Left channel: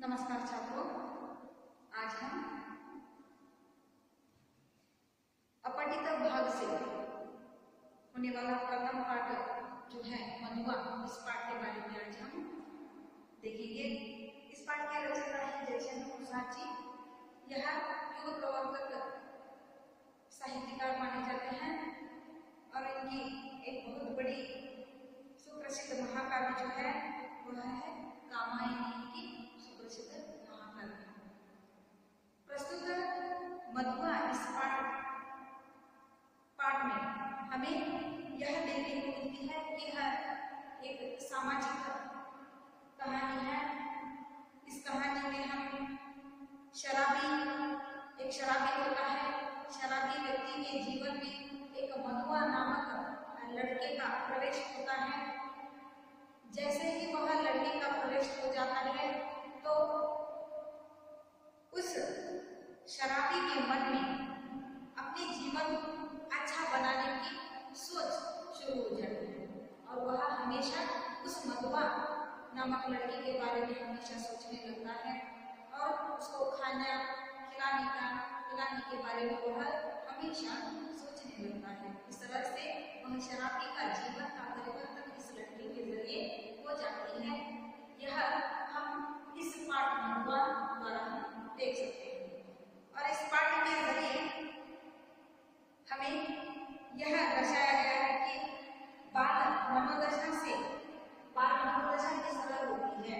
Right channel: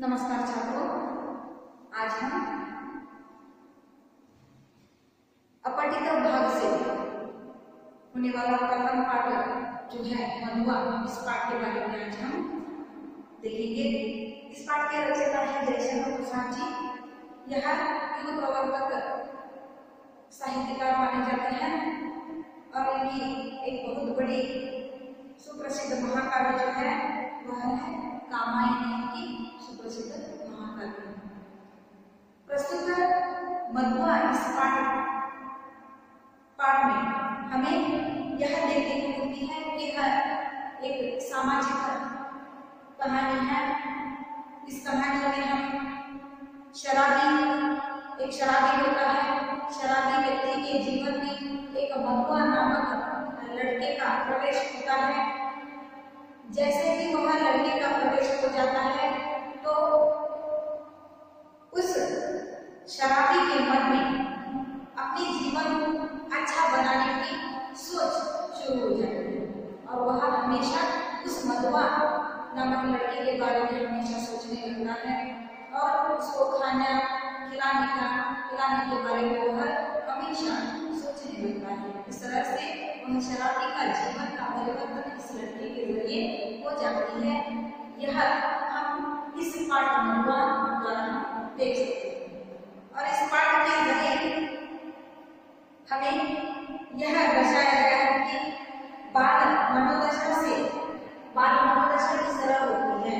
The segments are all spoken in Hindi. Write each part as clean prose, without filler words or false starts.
नमस्कार छात्रों, आज हम अपठित भाग से होने वाला प्रथम पाठ जो है मधुआ, इस पाठ के बारे में आज हम देखेंगे। इस पाठ के रचयिता है जयशंकर प्रसाद जी। यह युग प्रवर्तक साहित्यकार माने जाते हैं और इनकी एक बहुत बड़ी सुप्रसिद्ध महाकाव्य जो है वह है कामायनी की सुप्रसिद्ध महाकाव्य। प्रस्तुत मधुआ इस पाठ में हमें यह देखने को मिलती है कि यह एक सामाजिक कहानी है। इस कहानी में हम एक शराबी होता है। शराबी व्यक्ति के जीवन में एक मधुआ नामक लड़के का प्रवेश होता है। जैसे ही वह लड़के का प्रवेश हो जाता है तो उस शराबी के मन में अपने जीवन अच्छा बनाने की सोच शुरू हो जाती है और वह हमेशा उस मधुआ नामक लड़के के बारे में हमेशा सोचने लगता है और उसको खाना खिलाने के बारे में वह हमेशा सोचने लगता है। इस तरह से वह शराबी का जीवन का परिवर्तन इस लड़के के जरिए हो जाती है। यह हम इस पाठ मधुआ द्वारा हम देख सकते हैं और इस पाठ के जरिए हमें यह दर्शाया गया है कि बाल मनोदशा किस तरह होती है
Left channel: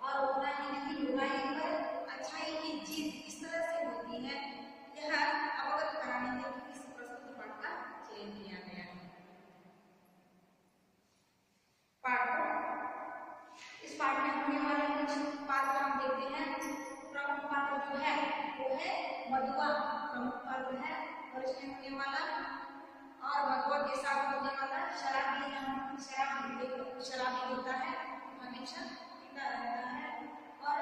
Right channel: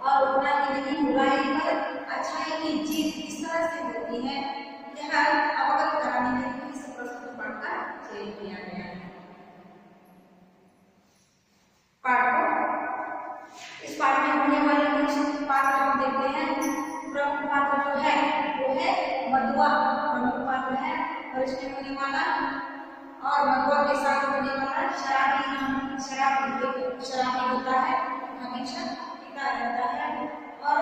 और उतना ही नहीं, बुराई पर अच्छाई की जीत किस तरह से होती है, यह अवगत कराने के लिए इस प्रस्तुत पाठ का चयन किया गया है। इस पाठ में होने वाले मुख्य पात्र हम देखते हैं। प्रमुख पात्र जो है वो है मधुआ, प्रमुख पात्र है और इसमें होने वाला और मधुआ के साथ होने वाला शराबी होता है, हमेशा पिता रहता है और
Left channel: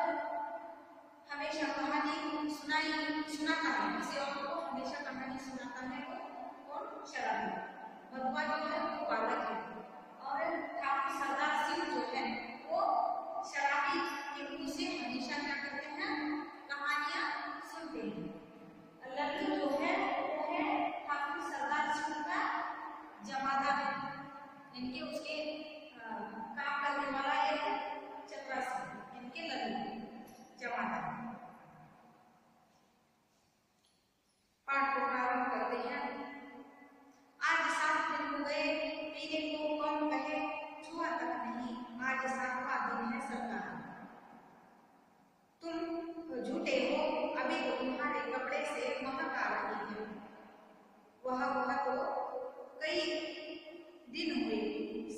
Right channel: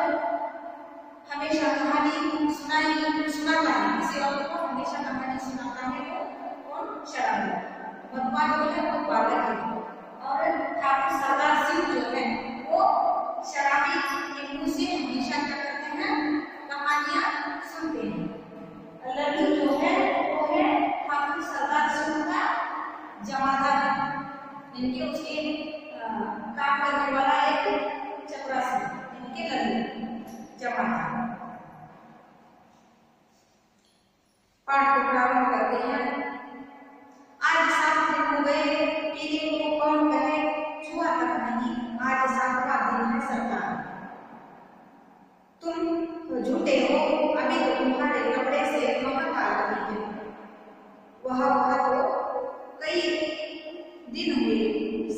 हमेशा कहानी सुनाता है। किसी और को हमेशा कहानी सुनाता है वो और शराबी। मधुआ जो है वो बालक है और ठाकुर सरदार सिंह जो है वो शराबी के मुंह से हमेशा क्या करते हैं, कहानियां सुनते हैं। लड्डू जो है वो है ठाकुर सरदार सिंह का जमादार, इनके उसके काम करने वाला एक चपरासी, इनके लड्डू जमादार। पाठ को प्रारंभ करते हैं। आज 7 दिन हो गए, पीने को कौन कहे, छुआ तक नहीं, आज 7वां दिन है सरकार। तुम झूठे हो, अभी तो तुम्हारे कपड़े से महक आ रही है। वह तो कई दिन हुए,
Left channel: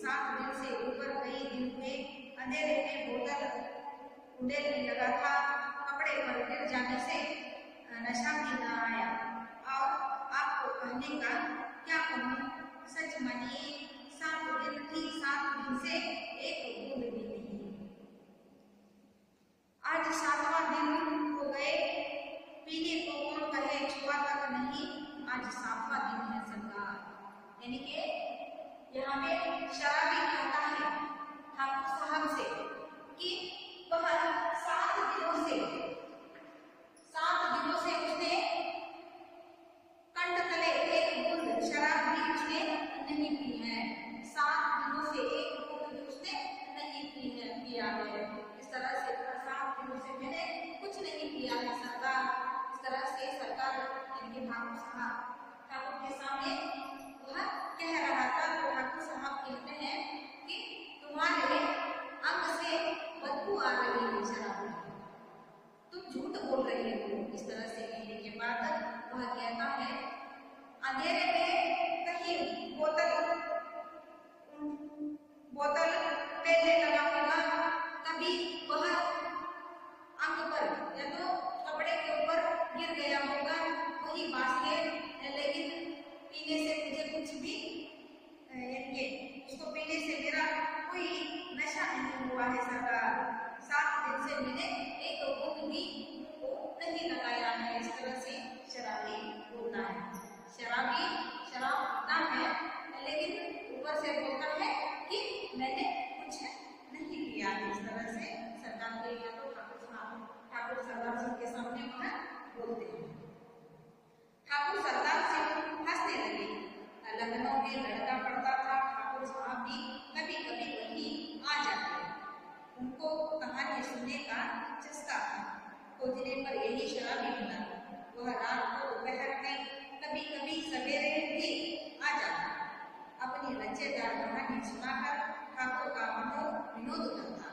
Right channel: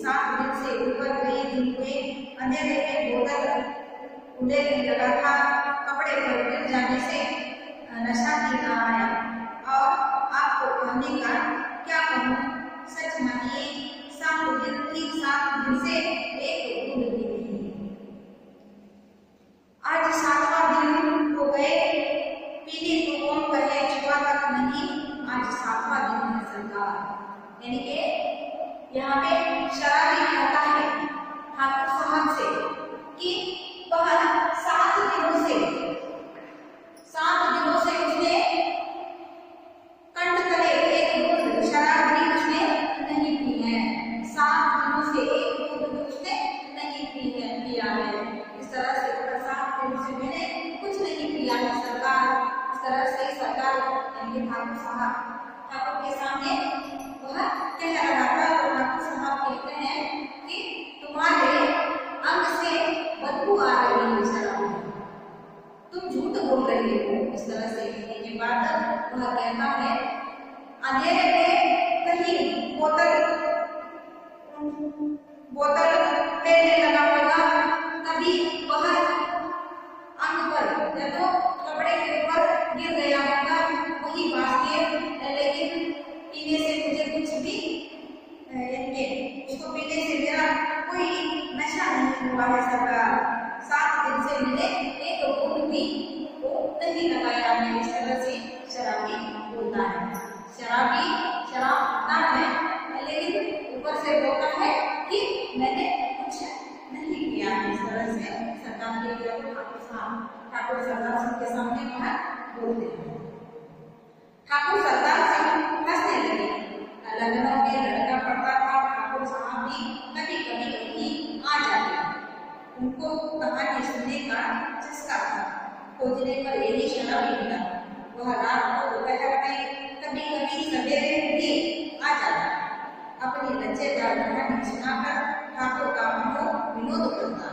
7 दिन से ऊपर कई दिन हुए। अंधेरे में बोतल उड़ने लगा था, कपड़े पर गिर जाने से नशा भी ना आया और आपको कहने का क्या कहूँ, सच मानिए 7 दिन से एक बूंद भी नहीं। आज 7वां दिन हो गए, पीने को कौन कहे, छुआ तक नहीं, आज 7वां दिन है सरकार। यानी कि यहाँ पे शराबी कहता है ठाकुर साहब से कि वह 7 दिनों से उसने कंठ तले एक बूंद शराब भी उसने नहीं पी है। 7 दिनों से एक बूंद भी उसने नहीं पिया है। इस तरह से 7 दिनों से मैंने कुछ नहीं पिया है सरकार। इस तरह से सरकार यानी ठाकुर साहब ठाकुर के सामने वह कह रहा था तो ठाकुर साहब कहते हैं कि तुम्हारे अंग से बदबू आ रही है शराब, तुम झूठ बोल रही हो। इस तरह से कहने के बाद वह कहता है अंधेरे में कहीं बोतल लेने लगा होगा, कभी वह अंग पर या तो कपड़े के ऊपर गिर गया होगा, वही बात है। लेकिन पीने से मुझे कुछ भी उसको पीने से मेरा कोई नशा नहीं हुआ है सरकार। 7 दिन से मैंने एक बूंद भी नहीं लगाया है। इस तरह से शराबी बोलता है। शराबी शराब पीता है लेकिन ऊपर से बोलता है कि मैंने कुछ नहीं किया है। इस तरह से सरकार के ठाकुर साहब खोजने पर यही शराबी मिला। वह रात को दोपहर में कभी कभी सवेरे भी आ जाता। अपनी लज्जेदार कहानी सुनाकर ठाकुर का विनोद करता।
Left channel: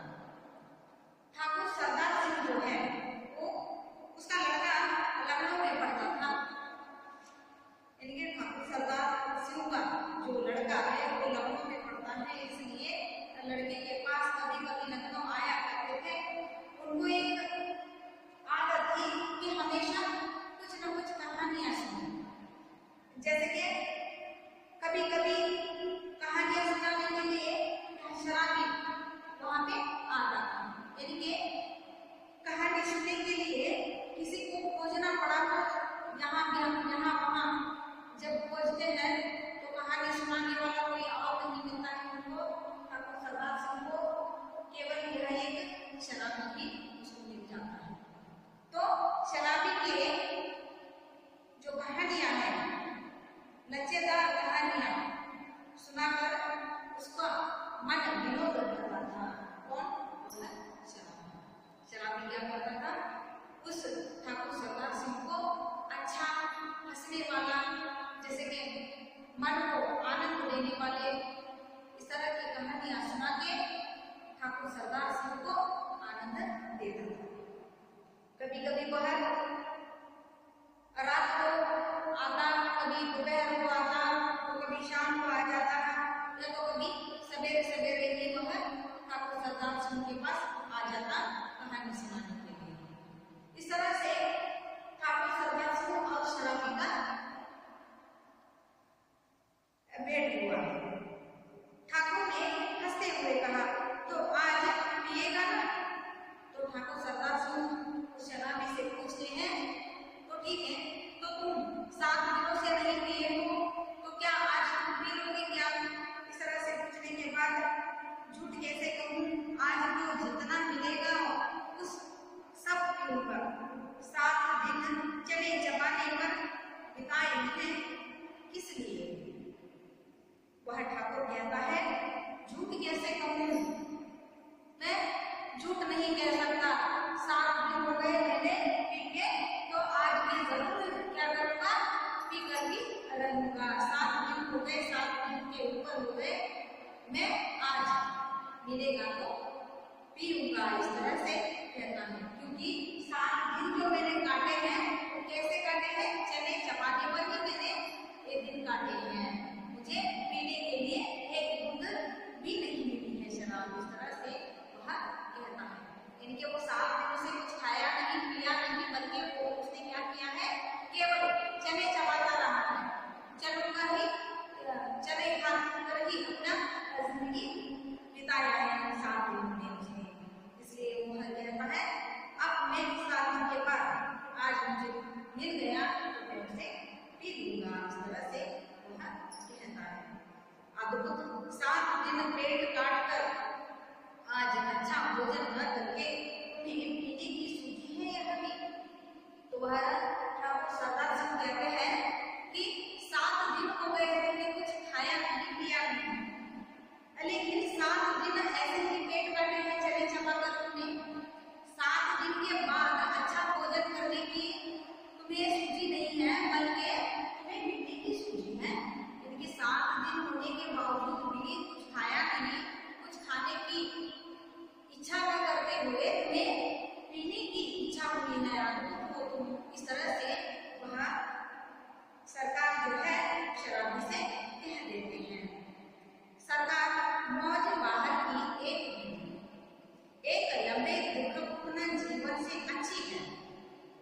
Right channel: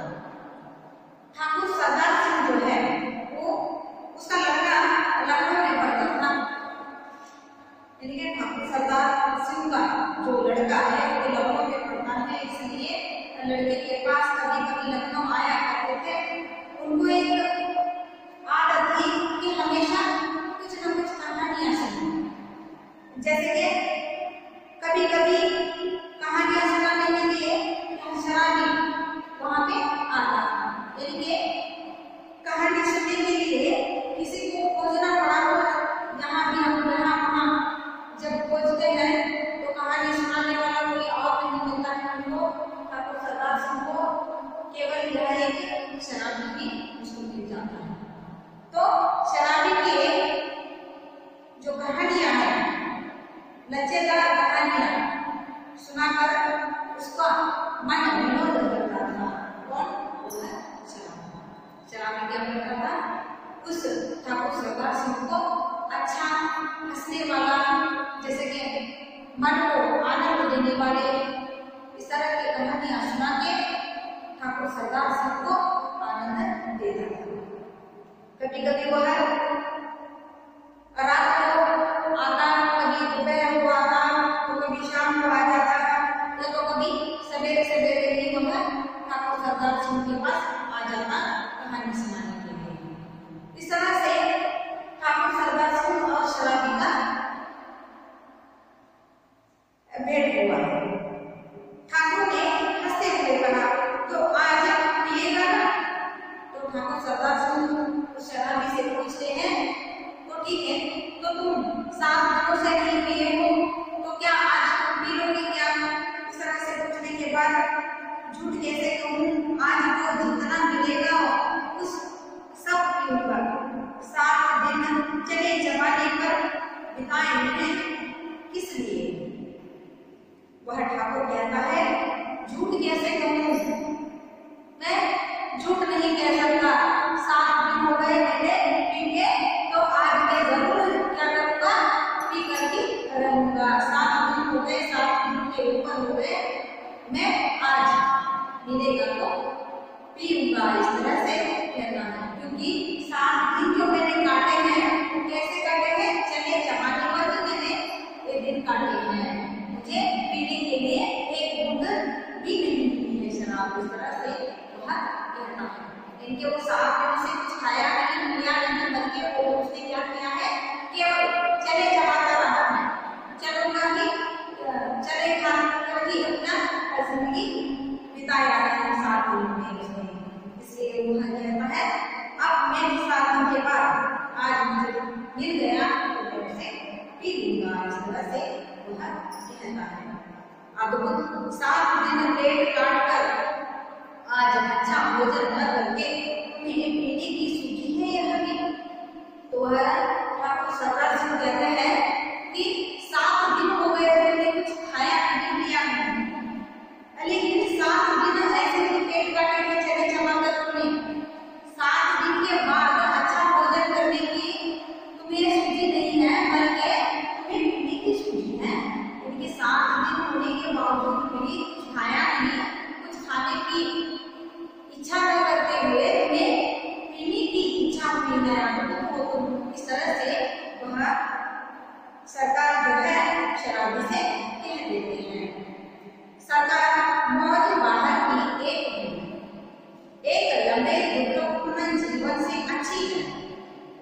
ठाकुर सरदार सिंह जो है वो उसका लड़का लखनऊ में पढ़ता था। ठाकुर सरदार सिंह का जो लड़का है वो लखनऊ में पढ़ता है, इसलिए लड़के के पास कभी कभी लखनऊ आया करते थे। उनको एक आदत थी कि हमेशा कुछ न कुछ कहानियां सुनाएं। जैसे कि कभी कभी कहानियां सुनाने के लिए शराबी वहां पे आता था। यानी कहानी सुनने के लिए किसी को खोजना पड़ा हो, यहाँ भी हम यहाँ वहाँ जब खोजते हैं तो कहानी सुनाने वाला कोई और नहीं मिलता है। हमको ठाकुर सरदार सिंह को केवल यह एक शराबी ही उसको मिल जाता है। तो शराबी के जो कहानियां हैं, लज्जेदार कहानियां सुनाकर उसका मन विनोद करता था। कौन? शराबी क्या करता था? उस ठाकुर सरदार सिंह को अच्छा हंसने वाला, जैसे कि मन को आनंद देने वाले इस तरह की कहानियां सुना के ठाकुर सरदार सिंह को आनंद देता था। कभी कभी वह रात को आता, कभी दोपहर को आता, तो कभी शाम को आ जाता था, या तो कभी सवेरे सवेरे ही वह ठाकुर सरदार सिंह के पास आ जाता कहानी सुनाने के लिए। इस तरह से ठाकुर सरदार सिंह और शराबी का भेंट हुआ। ठाकुर ने हंसते हुए कहा, तो आज पिएगा ना? तो ठाकुर सरदार सिंह शराबी से पूछते हैं, तो ठीक है, तो तुम 7 दिनों से नहीं पिए हो, तो क्या आज तुम पी लोगे क्या? इस तरह से पूछने के बाद झूठ कैसे कहूँ, आज तो जितना मिलेगा उस सब पीऊंगा। 7 दिन चले जमाने पर बिताए मैंने किस लिए? वह ठाकुर कहता है, झूठ कैसे कहूँ? मैं झूठ नहीं कह सकता। 7 दिन हो गए मैंने पी के, तो आज मैं जरूर क्या करूँगा? पी करके रहूँगा। 7 दिन हो गए, 7 दिन के ऊपर हो गए, मैं आज मिलेगा तो पीऊंगा। इस तरह से कहना है, क्योंकि 7 दिन जो मैंने काटे हैं वो कैसे काटे हैं? चले जमाने पर ही मैंने ये दिन काटे हैं। मुझे पीने के लिए एक बूंद भी नहीं मिली है शराब। इस तरह से वह कहता है। इनके वो 7 दिनों से कुछ खाया नहीं, पिया नहीं, बल्कि वो उसने क्या किया है? केवल चले जमाता रहा है, चलूंगा ही, चले खा कर ही अपना जिंदगी बिताया है 7 दिन में उसने। इसलिए वह कहता है, अब मैं 7 दिन के बाद आज मुझे मिल गया तो मैं उसे पी लूंगा। इस तरह से वह कहता है। अब 7 दिन पेट काट कर आज अच्छा भोजन न करके मेरे पीने की सूझी है यह भी। तो वह ठाकुर सरदार सिंह कहते हैं कि 7 दिन हो गए मैंने कुछ खाया नहीं, पिया नहीं, लेकिन 7 दिन ऐसे ही पेट काटे हुए चले जमा कर तुमने 7 दिन के बाद अच्छा भोजन करने की तुम्हें सूझी नहीं है, बल्कि तुम्हें पीने की सूझी है। क्योंकि 7 दिन होने के बावजूद भी कुछ खाया नहीं, कुछ खाने की इच्छा न करते हुए तुम्हें पीने की इच्छा हुई है। इस तरह से वह सरकार जो है शराबी से कह देते हैं। सरकार मौज बाहर की एक लंबे दुखपूर्ण जीवन से अच्छी है।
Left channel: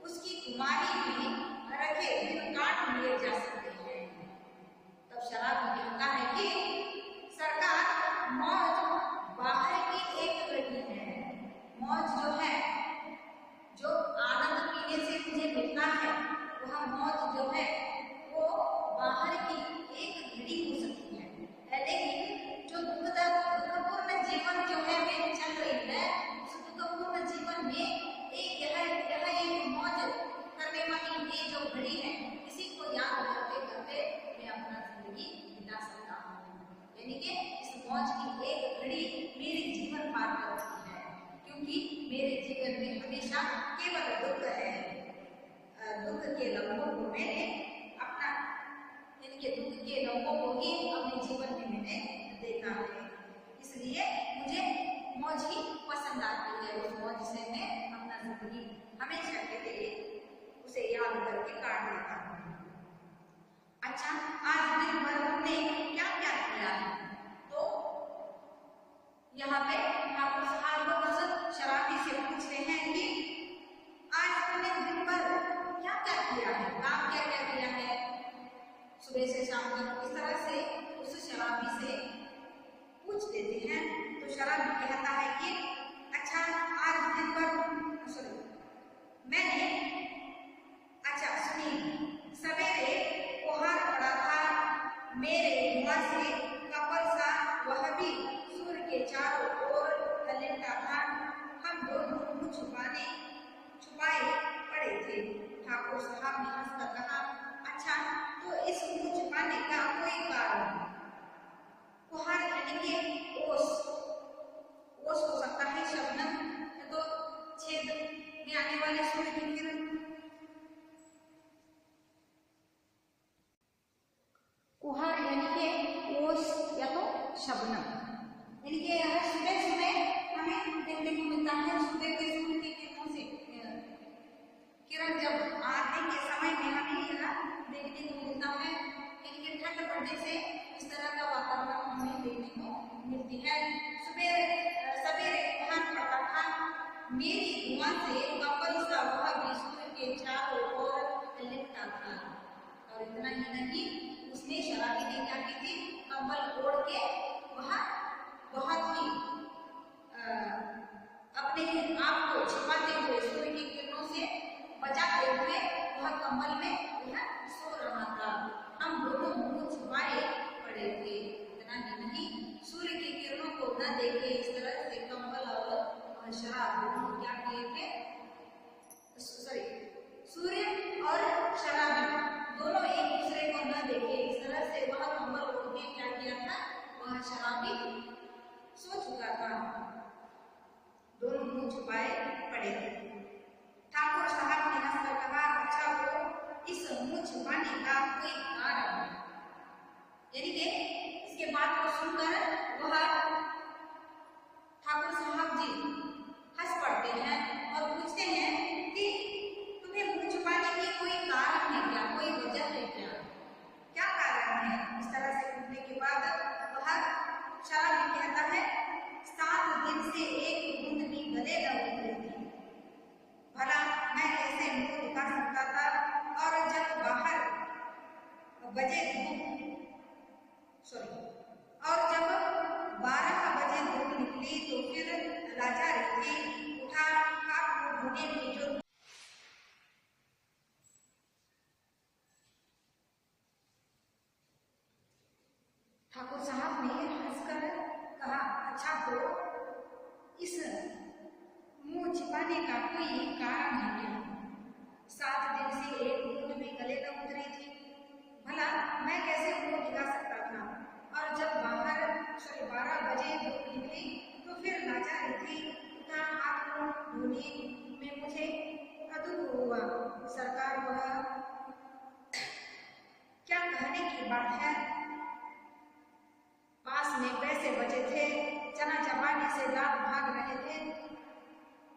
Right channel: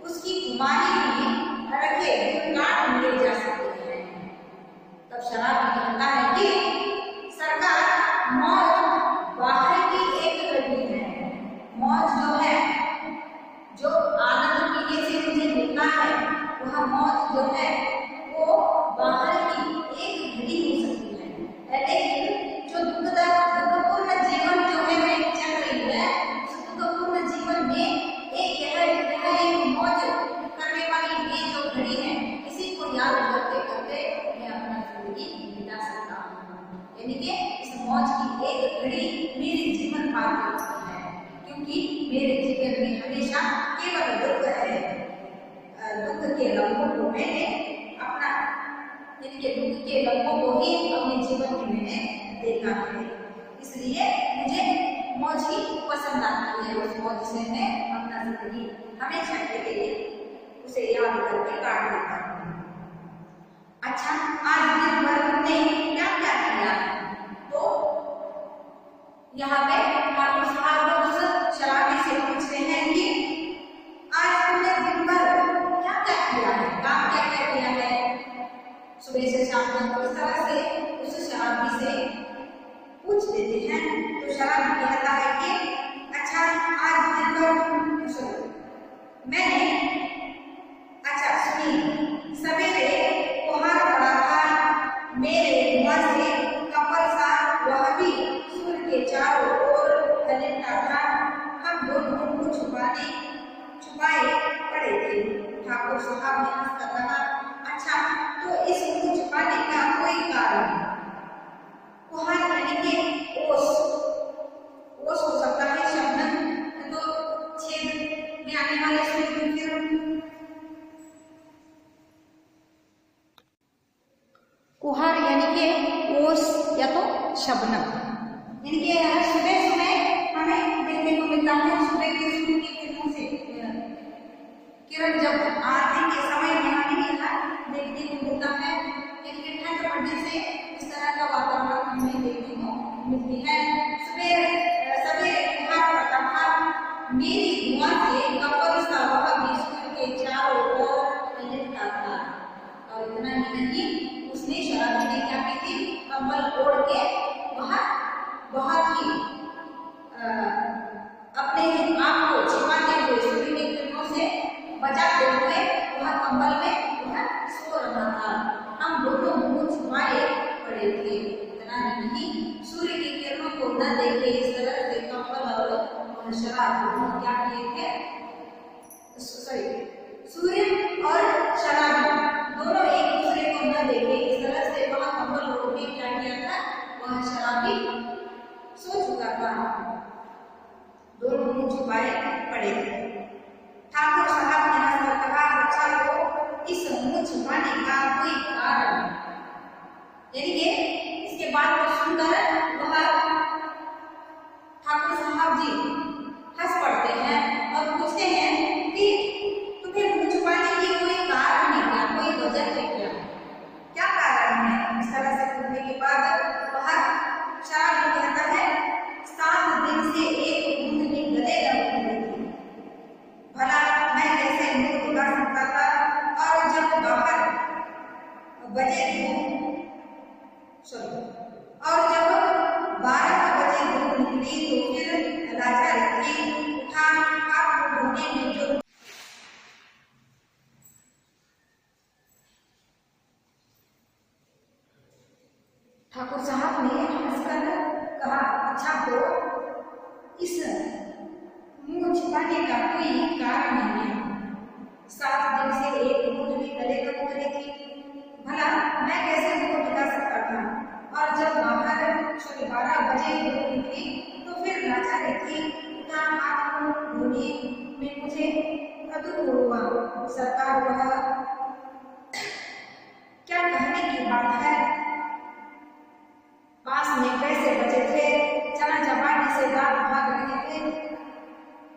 उसकी कुमारी भी रखे काट लिए जा सकते हैं। तब शराबी कहता है कि सरकार मौज बाहर की एक घड़ी है। मौज जो है, जो आनंद पीने से मुझे मिलता है, वह मौज जो है वो बाहर की एक घड़ी हो सकती है। लेकिन जो दुखपूर्ण जीवन जो है मैं चल रही है, उस दुखपूर्ण जीवन में एक मौज करने वाली ये जो घड़ी है, इसी को याद करते करते मैं अपना जिंदगी बिता सकता हूँ। यानी कि इस मौज की एक घड़ी मेरे जीवन पार करती है, क्योंकि मेरे जीवन में हमेशा केवल दुख है। मैंने अपना यानी कि दुख के लम्हों को ही अपने जीवन में मैंने देखा है, इसलिए मुझे मौज ही पसंद आती है। उस मौज से मैं अपना जिंदगी हमेशा के लिए उसे याद करके काट देता हूँ। अच्छा, आज दिन भर हमने क्या क्या किया? तो यहाँ पे ठाकुर साहब उस शराबी से पूछते हैं कि आज तुमने दिन भर क्या क्या किया है, काम क्या क्या किया है सुबह से शाम तक। इस तरह से उस शराबी से पूछ देते हैं। तो शराबी कहता है कि अच्छा, आज दिन भर मैंने अच्छा सुनिए, सवेरे कोहरा पड़ा था, मेरे मुंह से कमर सा वह भी सूर्य के चारों ओर ललकता था। हम दोनों मुंह छुपाए पड़े थे। ठाकुर साहब ने हंसकर कहा, अच्छा, तो इस मुंह छुपाने का कोई कारण? कोहरा यानी कि ओस हो सकता है, शबनम तो छेद में आने वाले सूर्य की किरण। कुहार यानी कि ओस या तो शबनम, यानी कि सुबह सुबह हमें देखने को मिलता है। सुबह के सूर्य की किरणों से किरण जब आरती के समय में हमें यहाँ देखने को मिलता है, यानी कि ठंड पड़ने से इस तरह का वातावरण हमें देखने को मिलती है। सवेरे कुहार पड़ता था, मेरी धुआं से कपल सा वह भी सूर्य के चारों ओर ललकता था। और इतना ही नहीं, उसने शराबी ने क्या की थी, कंबल ओढ़ के वह बहुत ही अपने आप को छिपाते हुए सूर्य की किरणों से बचाते हुए वह कंबल में वह सो रहा था। हम दोनों मुंह छुपाए पड़े थे। इतना ही नहीं, सूर्य की किरणों को न देखे इस तरह से कंबल और शराब दोनों क्या किए थे, सूर्य और शराब दोनों एक दूसरे को न देखे इस तरह से वह कंबल ओढ़ के क्या किया था, वह शराबी सो चुका था। दोनों मुंह छुपाए पड़े थे। ठाकुर साहब ने हंसकर कहा, अच्छा, तो इस मुंह छुपाने का कोई कारण? यानी कि इसके बाद को सुनकर वह ठाकुर साहब जी हंस पड़ते हैं और पूछते हैं कि तुम्हें मुंह छुपाने की कोई कारण है क्या, कोई वजह है क्या, क्या कारण है? इस तरह से पूछने के बाद वह शराबी कहता है, 7 दिन से एक बूंद भी गले न उतरी थी। भला मैं कैसे मुंह दिखा सकता था? और जब 12 बजे धूप निकली तो फिर राजा रखी उठा हाथ धोने में जो ठाकुर साहब ने हंसकर कहा, अच्छा, तो इस मुंह छिपाने का कोई कारण नहीं है। 7 दिन से एक बूंद भी गले न उतरी थी। भला मैं कैसे मुंह दिखा सकता था? और जब 12 बजे धूप निकली तो फिर राजा रखी उठा हाथ धोने में मुझे दुख हुआ। सरकार, वह क्या कहने की बात है? पास में पैसे बचे थे, चना चपाने से दांत भाग रहे थे,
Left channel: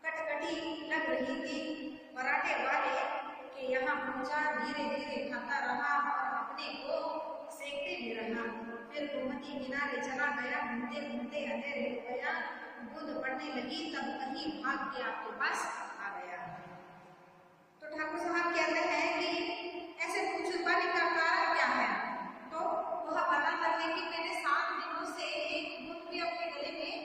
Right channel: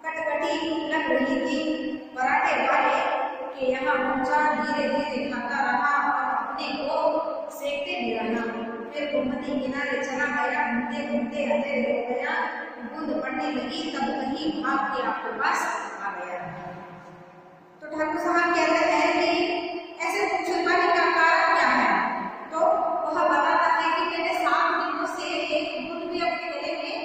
कटकटी लग रही थी, पराठे वाले के यहाँ पहुंचा, धीरे धीरे खाता रहा और अपने को सेकते भी रहा। फिर गोमती किनारे चला गया, घूमते घूमते अंधेर हो गया, बूंद पड़ने लगी, तब कहीं भाग के आपके पास आ गया। तो ठाकुर साहब कहते हैं कि ऐसे मुंह छुपाने का कारण क्या है? तो वह बताता है कि मैंने 7 दिनों से एक बूंद भी अपने गले में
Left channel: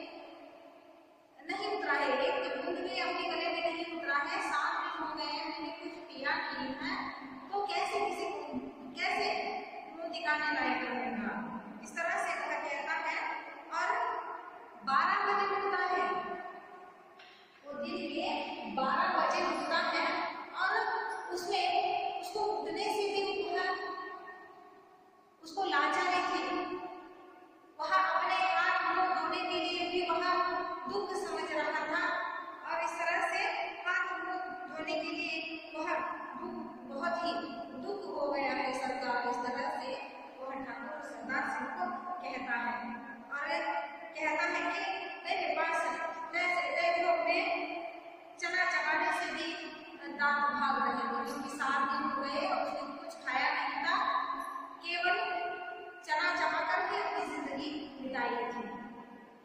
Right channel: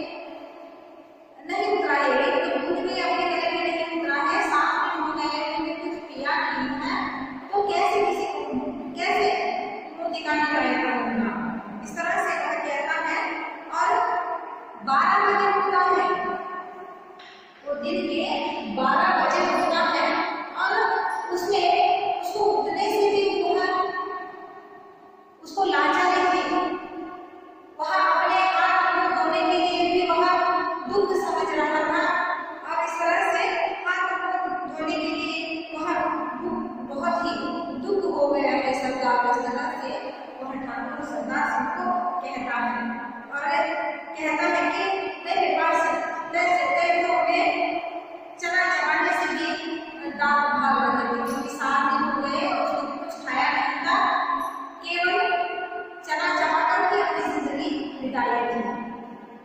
नहीं उतरा है, एक बूंद भी अपने गले में नहीं उतरा है। 7 दिन हो गए, मैंने कुछ पिया नहीं है, तो कैसे मुंह दिखाने लायक रहूंगा? इस तरह से वह कहता है। और 12 बजे उठता है, वो दिन के 12 बजे उठता है और उसको उठने से भी कहता है और कहता है कि मेरे पास 10 रुपए में चना चबाने से भी दांत भाग रहे थे, क्योंकि 7 दिन हो गए और उसने कुछ खाया नहीं था, केवल चना चबाकर ही अपनी जिंदगी बिताई थी।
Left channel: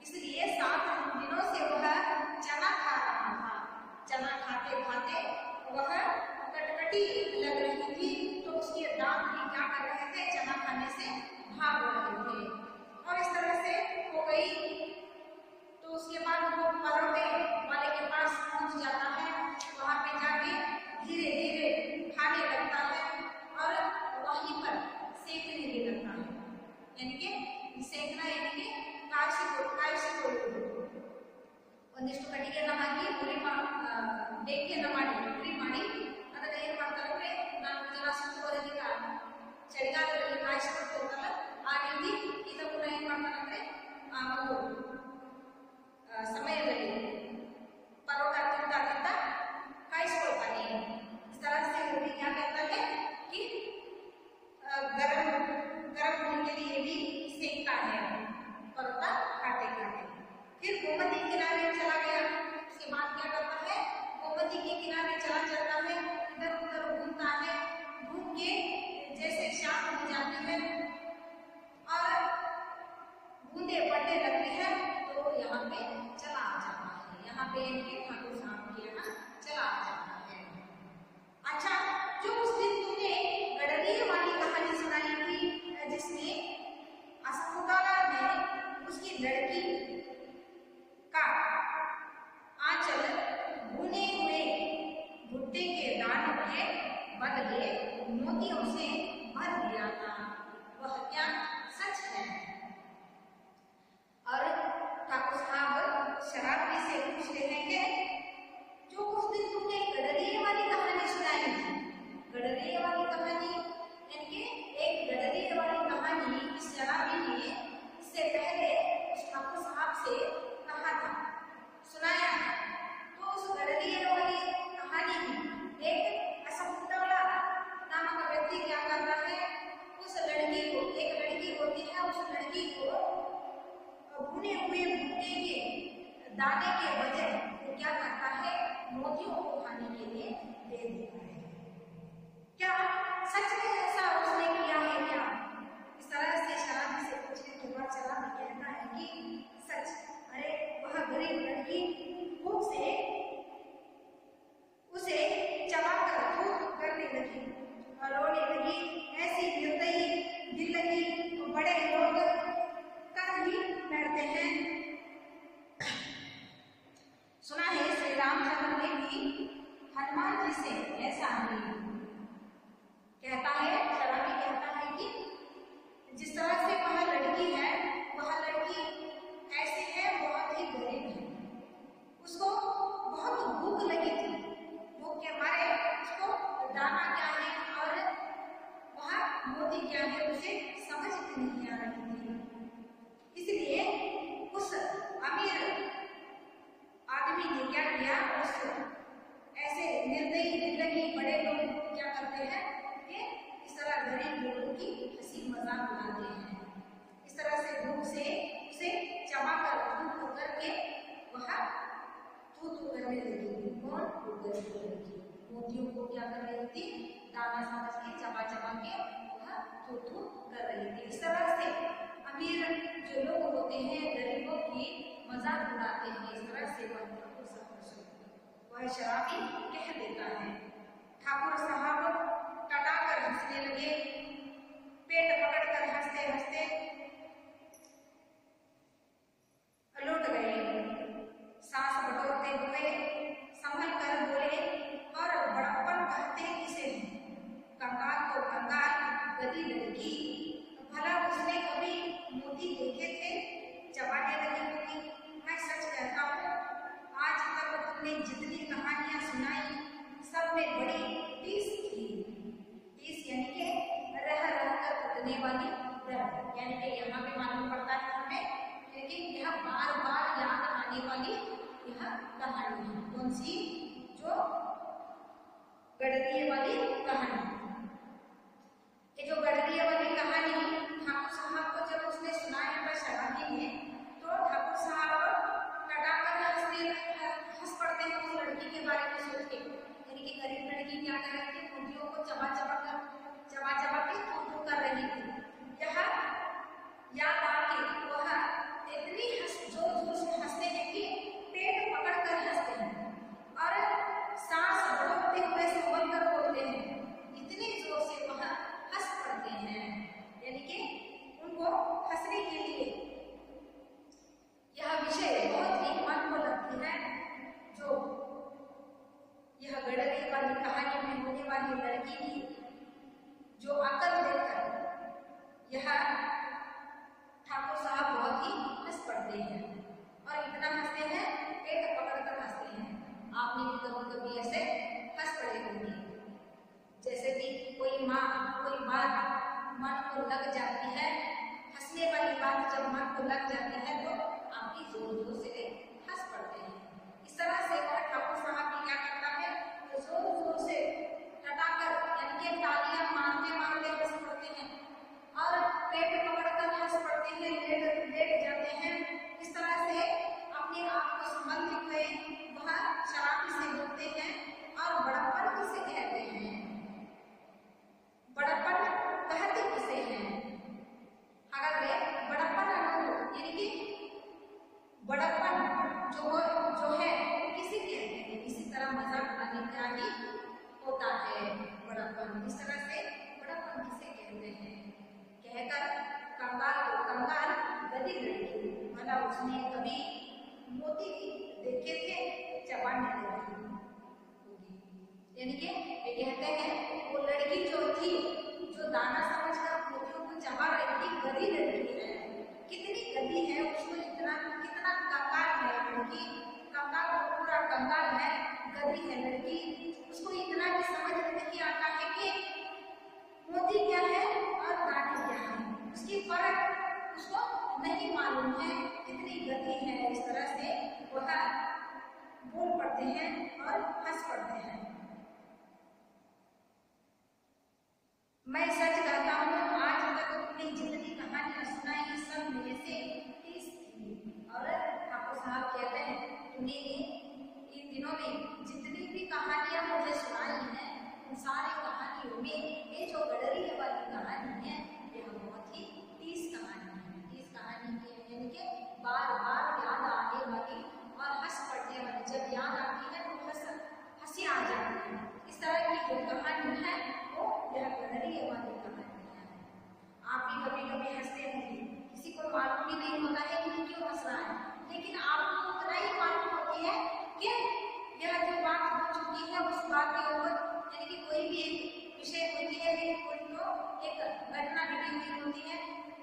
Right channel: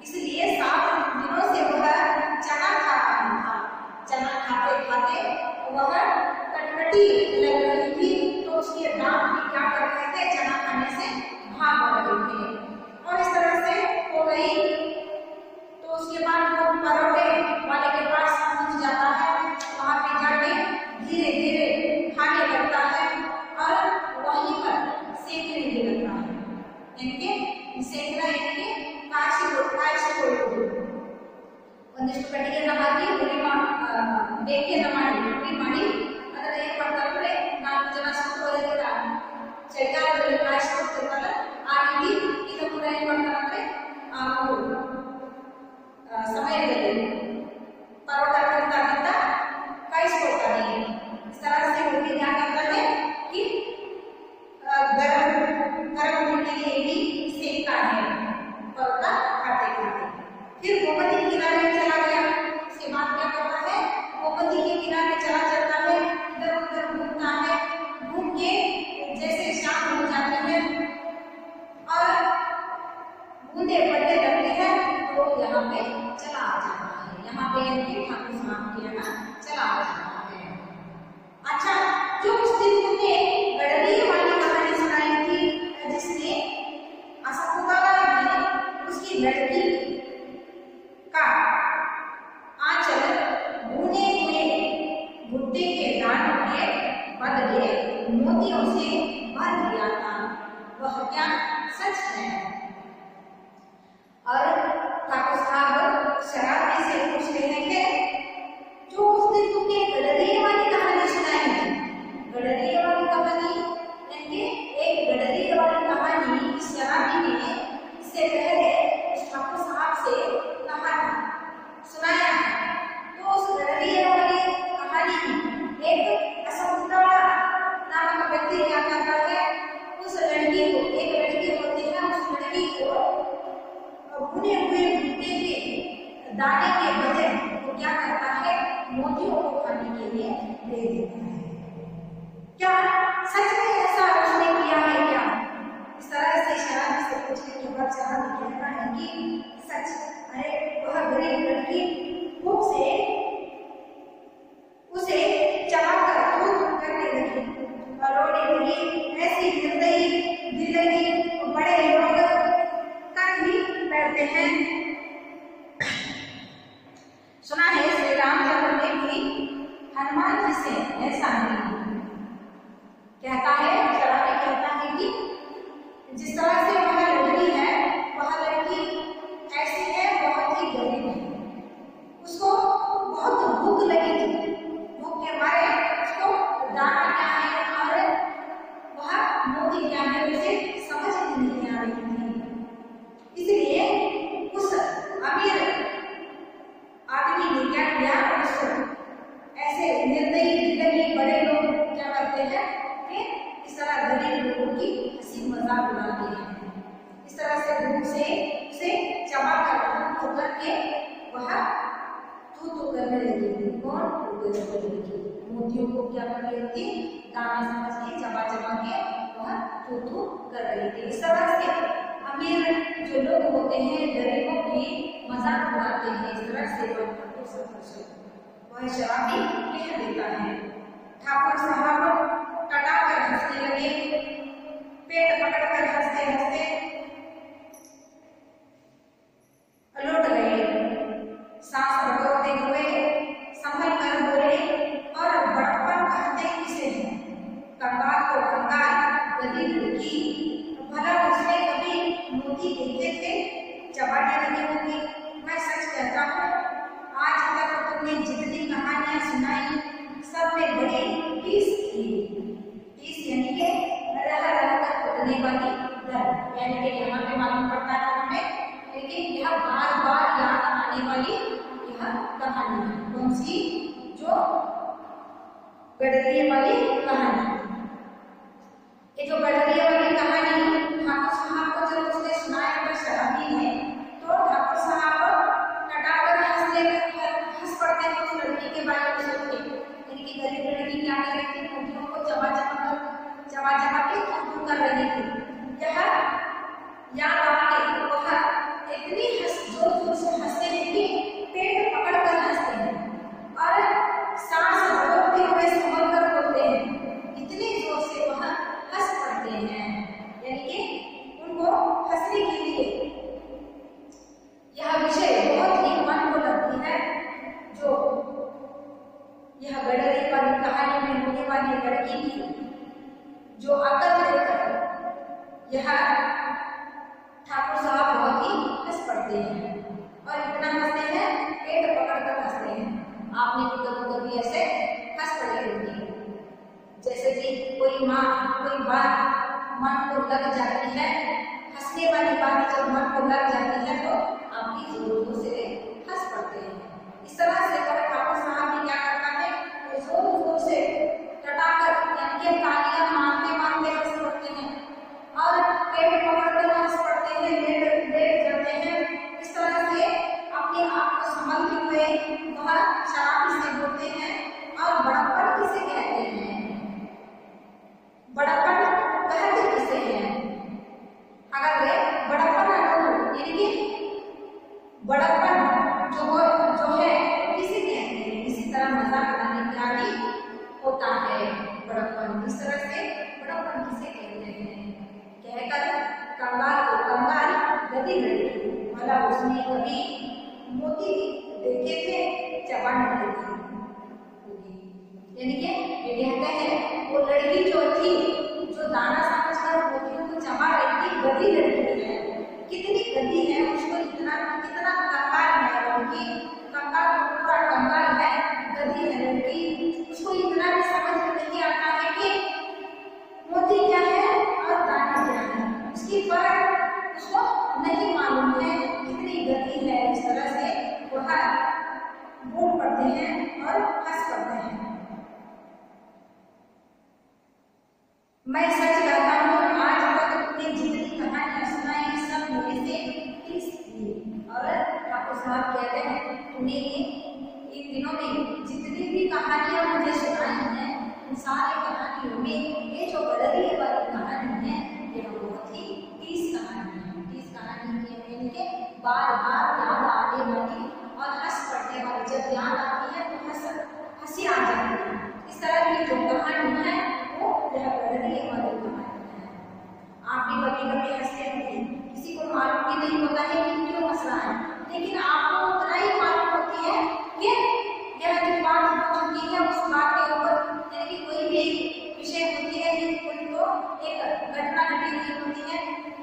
इसलिए 7 दिनों से वह चना खा रहा था। चना खाते खाते वह कटकटी लग रही थी, तो उसके दांत भी क्या कर रहे थे, चना खाने से भाग रहे थे। और इस तरह से हो गई। तो उसके बाद वो परोठे वाले के पास पहुंच जाता है, वहां पे जाके धीरे धीरे खाने लगता है और वहीं पर सेकने भी लगता है। यानी सेकना यानी काशी ಒಂದಿಷ್ಟು ಕಟ್ಟಿಗೆ ನಮಾಗಿ ಉರಿ ಬೆಂಕಿ ಮಾಡಿ ಉರಿ ಮಾಡಿ ಅದರ ಏನ್ ಮಾಡ್ತಾರೆ, 4 ಜನ ಸುತ್ತೋದಕ್ಕೆ ಚಳಿಗಾಲದಲ್ಲಿ ಕಾಯಿಸ್ಕೊಡ್ತಿರ್ತಾರಲ್ಲ ಆ ರೀತಿ ಇದು ಕೂಡ ಏನ್ ಮಾಡ್ತಾರೆ ಆ ಸಮಯದಲ್ಲಿ परोठा करता करता काइसकोता नहीं। इस तरह से वो भी क्या करता है कि गरम गरम होने के लिए भी सेकता है परोठा खाते खाते। फिर गोमती किनारे चला गया। उसके बाद क्या करता है, गोमती के किनारे चला जाता है, इधर उधर घूमता है। घूम के जैसे शाम हो जाती है और बूंदे पड़ने लगती है, तो यहाँ पे चला आ जाता है। यहाँ पे ठाकुर साहब के यहाँ चला आ जाता है। अच्छा, जो उस दिन मुझे गडरी वाली कहानी सुनाई थी, जिसने असफुकारा में उसकी लड़की का आंचल भुने हुए भुट्टे के दानों के बदले मोतियों से भर दिया था, वह क्या सच है? और ठाकुर साहब शराबी से पूछ रहे थे, जो उस दिन तुमने गडरिये वाली कहानी सुनाई थी, गडरिये वाली कहानी यानी एक गडरिये वाली कहानी शराबी ने इससे पहले उस ठाकुर साहब से कहा था, सुनाया है। तो उस गडरिये वाली कहानी एक असफुकारा नामक व्यक्ति क्या करता है, उस लड़की को, एक लड़की होती है, उस लड़की को भुने हुए भुट्टे के दाने के बदले वो क्या करता है, मोतियों को खाने के लिए दे देता है। क्या सच में ऐसा उसने किया है क्या? इस तरह से शराबी से पूछने के बाद शराबी कहता है कि सच। अरे वह गरीब लड़की भूख से उसे चबाकर दूध करने लगी और रोने लगी, ऐसी निर्दयी जिंदगी बड़े लोग कर ही बैठते हैं। सुना है श्री रामचंद्र ने भी हनुमान जी से ऐसा ही कहता है। शराबी कहता है कि जिस तरह से वह लड़की है, वह लड़की ऐसी है, बहुत ही गरीब है, उसको बहुत भूख लगी थी, भूख के मारे उसको दाना क्या है और वह मोती क्या है उसे समझ नहीं आ रही थी। इसलिए उस अमीर आदमी ने क्या किया, उस ऐसे निर्दयी जिंदगी बड़े लोग क्या करते हैं कि इस तरह गरीब लोगों की हंसी मजाक उड़ाते हैं। इस तरह से भूख से उसे चबा कर करके वह तू करने लगी थी। कौन? मोतियों को क्या कर रही थी, दाना समझ के चबा चबा के वह तू कर रही थी। इस तरह से अमीर जो लोग होते हैं गरीबों की मजाक उड़ाते हैं। इस तरह से वह शराबी कह देता है। ठाकुर साहब टटाकर हंसने लगे, पेट पकड़कर हंसते हंसते लौट गए। सांस बटोरते हुए संभल कर बोले और बड़पन कहते किसे हैं, कंगाल तो कंगाल, गधी लड़की, भला उसने कभी मोती देखे थे, चबाने लगी होगी। मैं सच कहता हूँ, आज तक तुमने जितनी कहानियां सुनाई सब में बड़ी टीस थी। टीस यानी कि रह कर उठने वाली डर, यानी कि यहाँ पे मालूम पड़ता है हमें, लेकिन यह बार बार याद आने वाली यह कहानी है। कौन सी? जो गडरिये वाली कहानी। ये जो गडरिये वाली कहानी ठाकुर साहब को जब उसने सुनाया इतनी जोर जोर से हंसते हैं कि पेट पकड़कर हंसते हैं और सांस रोकते हुए संभल कर बोलते हैं। इतने जोर से वह हंस पड़ते हैं, यानी कि उनको हंसने के लिए यह विषय बहुत ही मन को लगती है। जो यह गडरी वाली कहानी में होने वाली लड़की की जो अकल देखकर यह ठाकुर साहब बहुत ही हंस पड़ते हैं और इतना हंसते हैं पेट पकड़कर हंसते हैं। आपने भी कभी ऐसे हंस पड़े होंगे, जैसे कि कोई माँ कोई बात मन को लग जाती है, हंसने वाली बात जब मन को लग जाती है तो आपकी जोर से हंस पड़ते हैं। इस तरह से ठाकुर साहब भी क्या करता है, जोर जोर से टटाकर यानी कि तालियां मारते मारते हंस पड़ते हैं और पेट पकड़कर हंस पड़ते हैं, लेट जाते हैं। इस तरह से अपने आप को संभलते हुए वह शराबी से बोलते हैं। और बड़प्पन किसे कहते हैं? बड़प्पन कहते किसे हैं? अगर वे बड़प्पन यानी कि बड़प्पन जो है किसे कहते हैं? इसी तरह मजाक बनाने का भी होता है बड़प्पन। इस तरह से बड़प्पन किसे कहते हैं? कहकर कंगाल को कंगाल गधी लड़की, भला उसने कभी मोती देखे थे चबाने लगी। यानी कि ये कहते हैं वो लड़की जो थी, जो दाना समझकर मोतियों को चबा रही थी, गधी लड़की है। कितनी गधी है, उसको इतना कितना कंगाल है, उनकी कंगाल पूरा कंगाल है, गधी है लड़की। उसको इतना भी समझ नहीं आता है कि मोती क्या है और दाना क्या है, उसकी फर्क उसको नहीं मालूम है, कितनी गति है। इस तरह से वह बोल पड़ते हैं और हंस पड़ते हैं। मैं सच कहता हूँ, आज तक तुमने जितनी कहानियां सुनाई सब मेरे से 30 थी। और ठाकुर साहब कहते हैं तुमने इन दिनों में जितनी भी कहानियां मुझे सुनाई हैं, उन सारी कहानियों में ये जो गडरी वाली कहानी है, ये बहुत ही 30 कहानी है। 30 कहानी के बार बार याद आने वाली और हंस पड़ने वाली, जब याद आती है तो हंसी आ जाती है। इस तरह की जो कहानी है वो यह गडरी वाली कहानी है। आप भी कभी हंसते होंगे, किसी को मालूम भी नहीं होता है कि क्यों हंस रहा है, लेकिन आपको उतना ही मालूम होती है कि यह जो बात हो चुकी है उस बात के ऊपर, यानी कोई भी विषय होती है, कोई तो एक घटना घटी हुई होती है,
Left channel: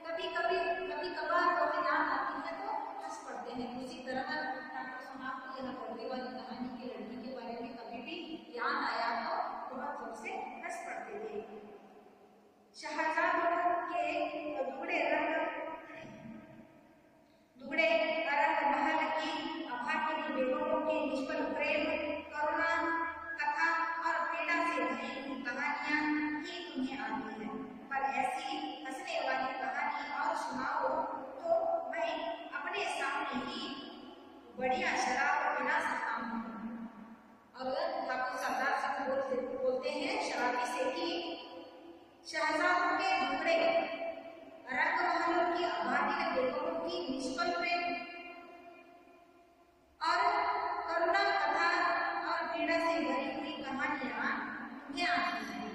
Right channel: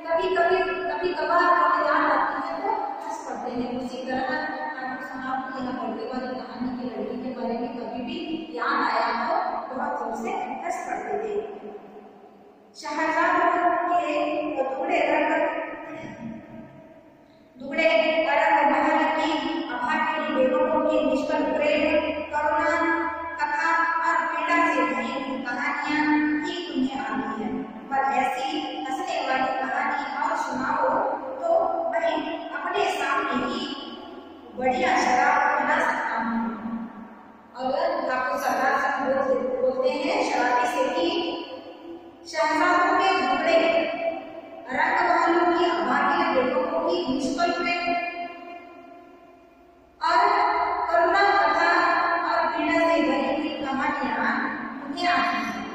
कभी कभार याद आती है तो हंस पड़ते हैं। उसी तरह ठाकुर साहब को यह गडरी वाली कहानी की लड़की के बारे में कभी भी याद आया तो बहुत जोर से हंस पड़ते थे। शहजादों के दुगड़े रंग महल की अभागिनी बेगमों के निष्फल प्रेम, करुणा कथा और पीड़ा से भरी कहानियां ही तुम्हें आती है। पर ऐसी हंसने वाली कहानी और सुनाओ तो मैं अपने सामने ही बढ़िया शराब बना सकता हूँ। अगर ठाकुर साहब बोलते हैं शराबी से कि शहजादों के दुगड़े रंग महलों की अभागिनी बेगमों की निष्फल प्रेम और करुणा कथा और पीड़ा से भरी हुई कहानियां तुम्हें आती हैं।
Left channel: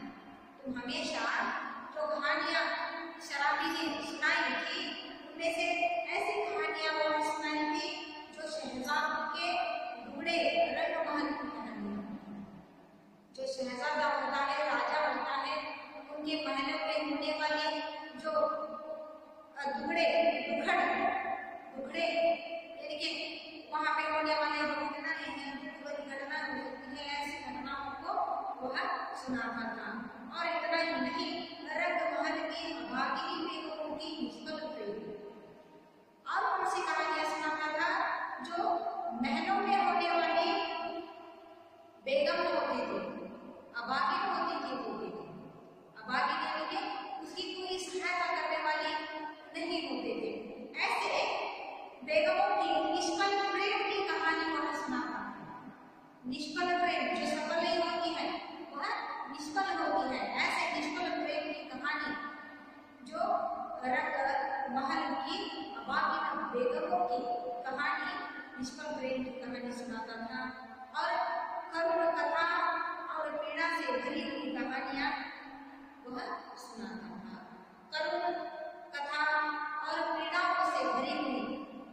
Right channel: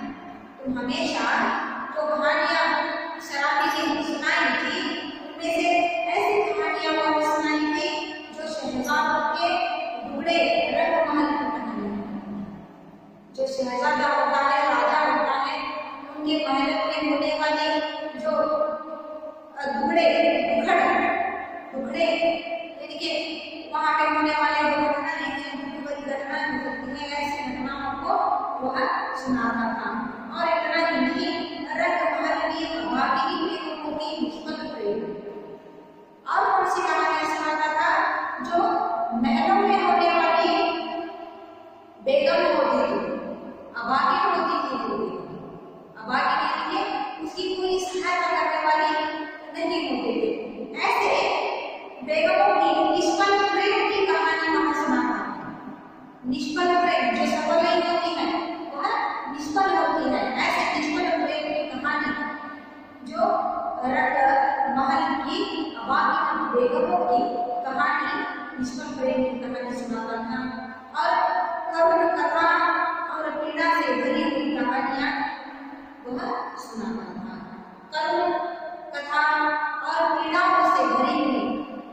तुम हमेशा जो कहानियां शराबी ने सुनाई थी, उनमें से ऐसी कहानियां वो सुनाई थी जो शहजादों के दुगड़े रंग महल की कहानी। जो शहजादा होता है, राजा होता है, उनके महल में होने वाले जो दुगड़े बुजुर्गों की कहानी, निष्कल प्रेम की कहानी सुनाता था और करुण कथा और पीड़ा से भरी हुई कहानियां वह सुनाता था। करुण कथा और पीड़ाओं से भरी हुई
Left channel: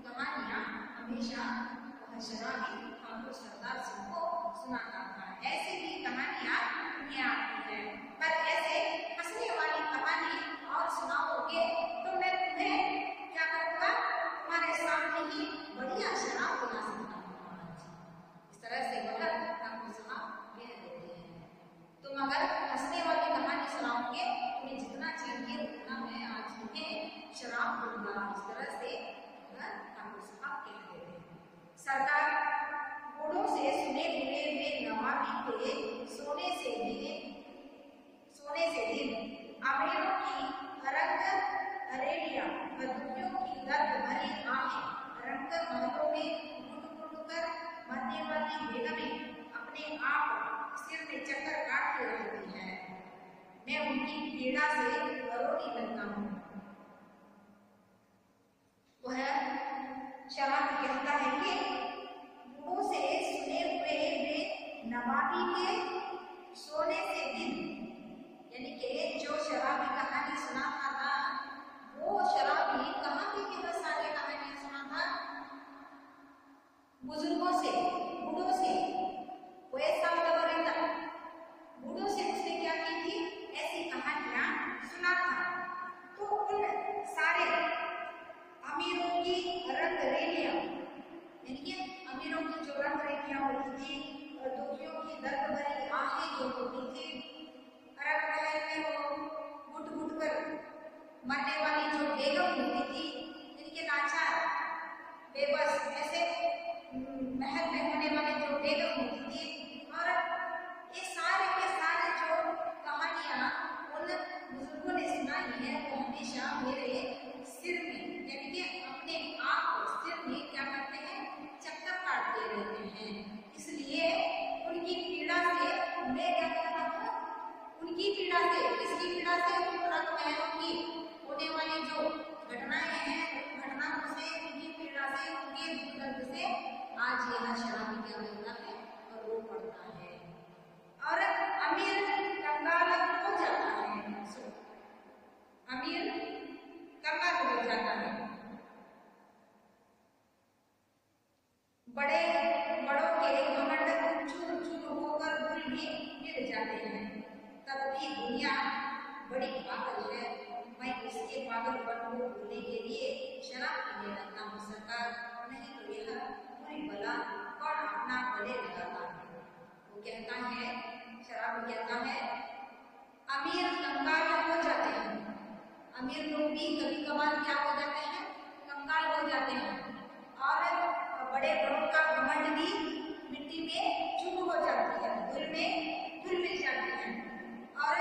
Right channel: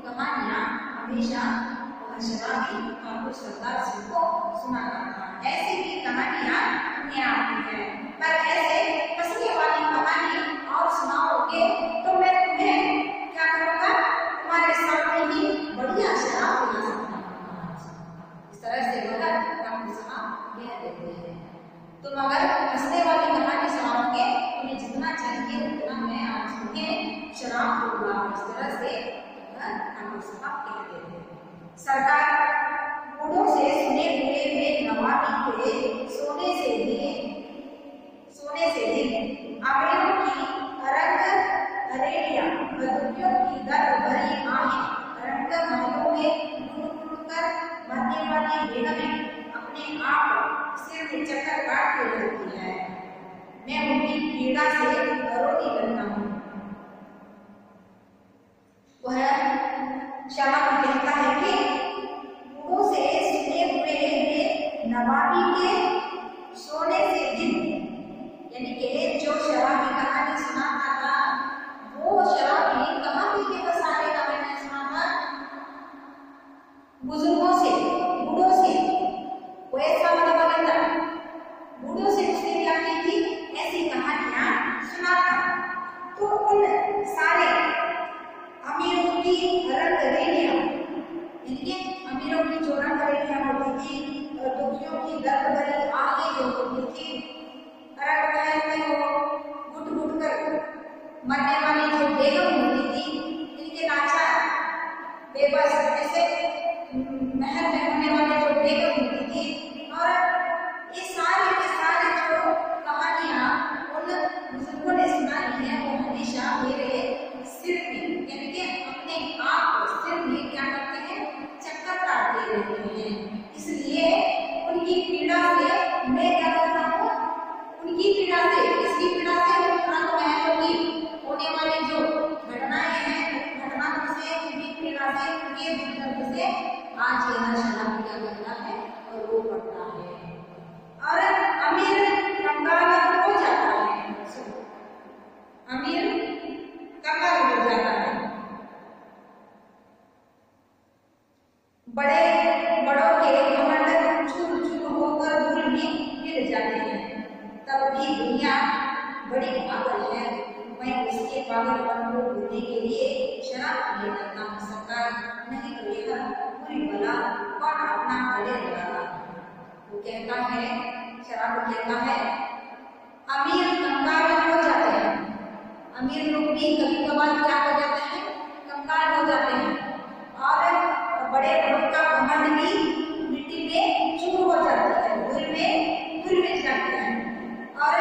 कहानियां हमेशा वह शराबी ठाकुर सरदार सिंह को सुनाता था। ऐसी भी कहानियां उन्हें आती है, पर ऐसे हंसने वाली कहानी और सुनाओगे तो मैं तुम्हें क्या करूंगा, तुम्हारे सामने ही बढ़िया शराब पिला सकता। इस तरह से वह ठाकुर साहब कह देते हैं, तुम अगर हंसने वाली कहानी सुनाओगे तुम्हें जितना चाहिए उतना मैं आज तुम्हें शराब दूंगा। इस तरह से ठाकुर साहब कह देते हैं। सरकार बूढ़ों से सुने हुए वे नवाबी के सोने से दिन आंगड़ियों की अरग हरेलियां, बदुकियों की दर्द भरी आहें रंग महलों में गुड़ कर मरने वाली बेगमें अपने आप सिर में चक्कर काटते रहती है। मैं उनकी पीड़ा से रोती करता हूँ। वह शराबी कहता है कि बूढ़ों से सुने हुए वे नवाबी के सोने से दिन, यानी कि जो शराबी कहानी सुनाता था वो शराबी कहाँ पी के बस आने का मैंने सुना था, बुजुर्गों से, बूढ़ों से। वो ऐसा मतलब था, बूढ़ों से उसने क्या की थी, ऐसी कहानियां सुनाता। तो उन सारे अमीरों की रंगरेलियां, यानी अमीरों की जो रंगरेलियां होती थी, दुखियों की दर्द भरी आंखें जो होती थी, अरग महल में वो घुट घुट कर मरने वाली जो बेगम होती थी, इनके नाचार बेबस ऐसे महल में होने वाली जो बेगम होती थी, और ये सारे के सारे जो कहानियां उन बुजुर्गों ने सुनाई है वो हमेशा मेरे सिर में, यानी कि अपने आप सिर में क्या करते हैं, चक्कर काटते रहते हैं। इसलिए उनकी पीड़ा से मैं क्या करता हूँ, उनकी पीड़ा से, इसकी पीड़ा से रंग महलों की होने वाली जो घटनाएं हैं, घटनाओं से, उनकी पीड़ा से, उनके दर्द से आज यह शराबी क्या करता है और वो पड़ता है। और अमीर कंगाल हो जाता है, अमीर कंगाल हो जाता है, बड़ों के घमंड चूर चूर होकर धूल में गिर जाते हैं। तब भी दुनिया बड़ी पागल है, मैं उसके पागलपन को भूलने के लिए शराब पिए करता हूँ सरकार, नहीं तो यह बुरी बला कौन अपना गले लगाता। वो कहता है, शराब कहता है, अमीर कंगाल हो जाते हैं, अमीर लोग भी कभी कभार क्या हो जाते हैं, कंगाल हो जाते हैं, और बड़े लोग का घमंड भी मिट्टी में चूर हो जाती है, धूल में जाती है। और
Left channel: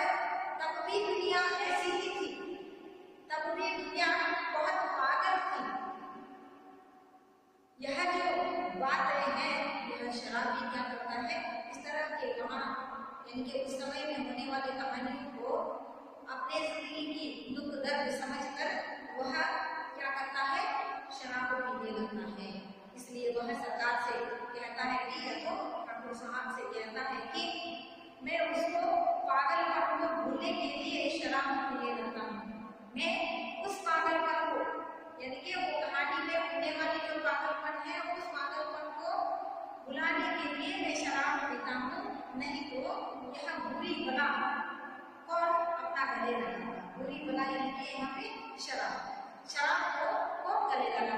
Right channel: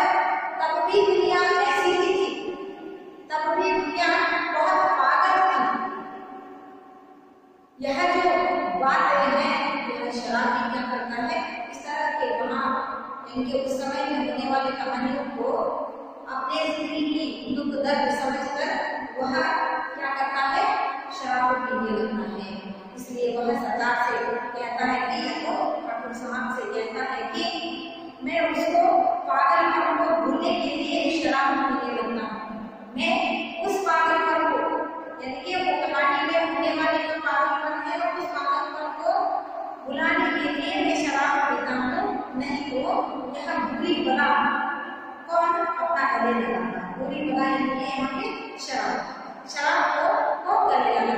तब भी दुनिया ऐसी ही थी, तब भी दुनिया बहुत पागल थी। यह जो बात है, यह शराबी क्या करता है, इस तरह के वहाँ इनके उस समय में होने वाली कहानियों को अपने जिंदगी की दुख दर्द समझकर वह क्या करता है, शराब पीने लगता है। इसलिए वह सरकार से कहता है कि ठाकुर साहब से कहता है कि मैं उसको पागलपन को भूलने के लिए शराब पीने लगता हूँ। मैं उस पागलपन को, यानी कि वो कहानी में होने वाली जो पागलपन है, उस पागलपन को भुलाने के लिए मैं शराब पीता हूँ, नहीं तो यह बुरी बला कौन अपना गले लगाता। बुरी बला यानी यहाँ पे शराब को कौन गले लगाता।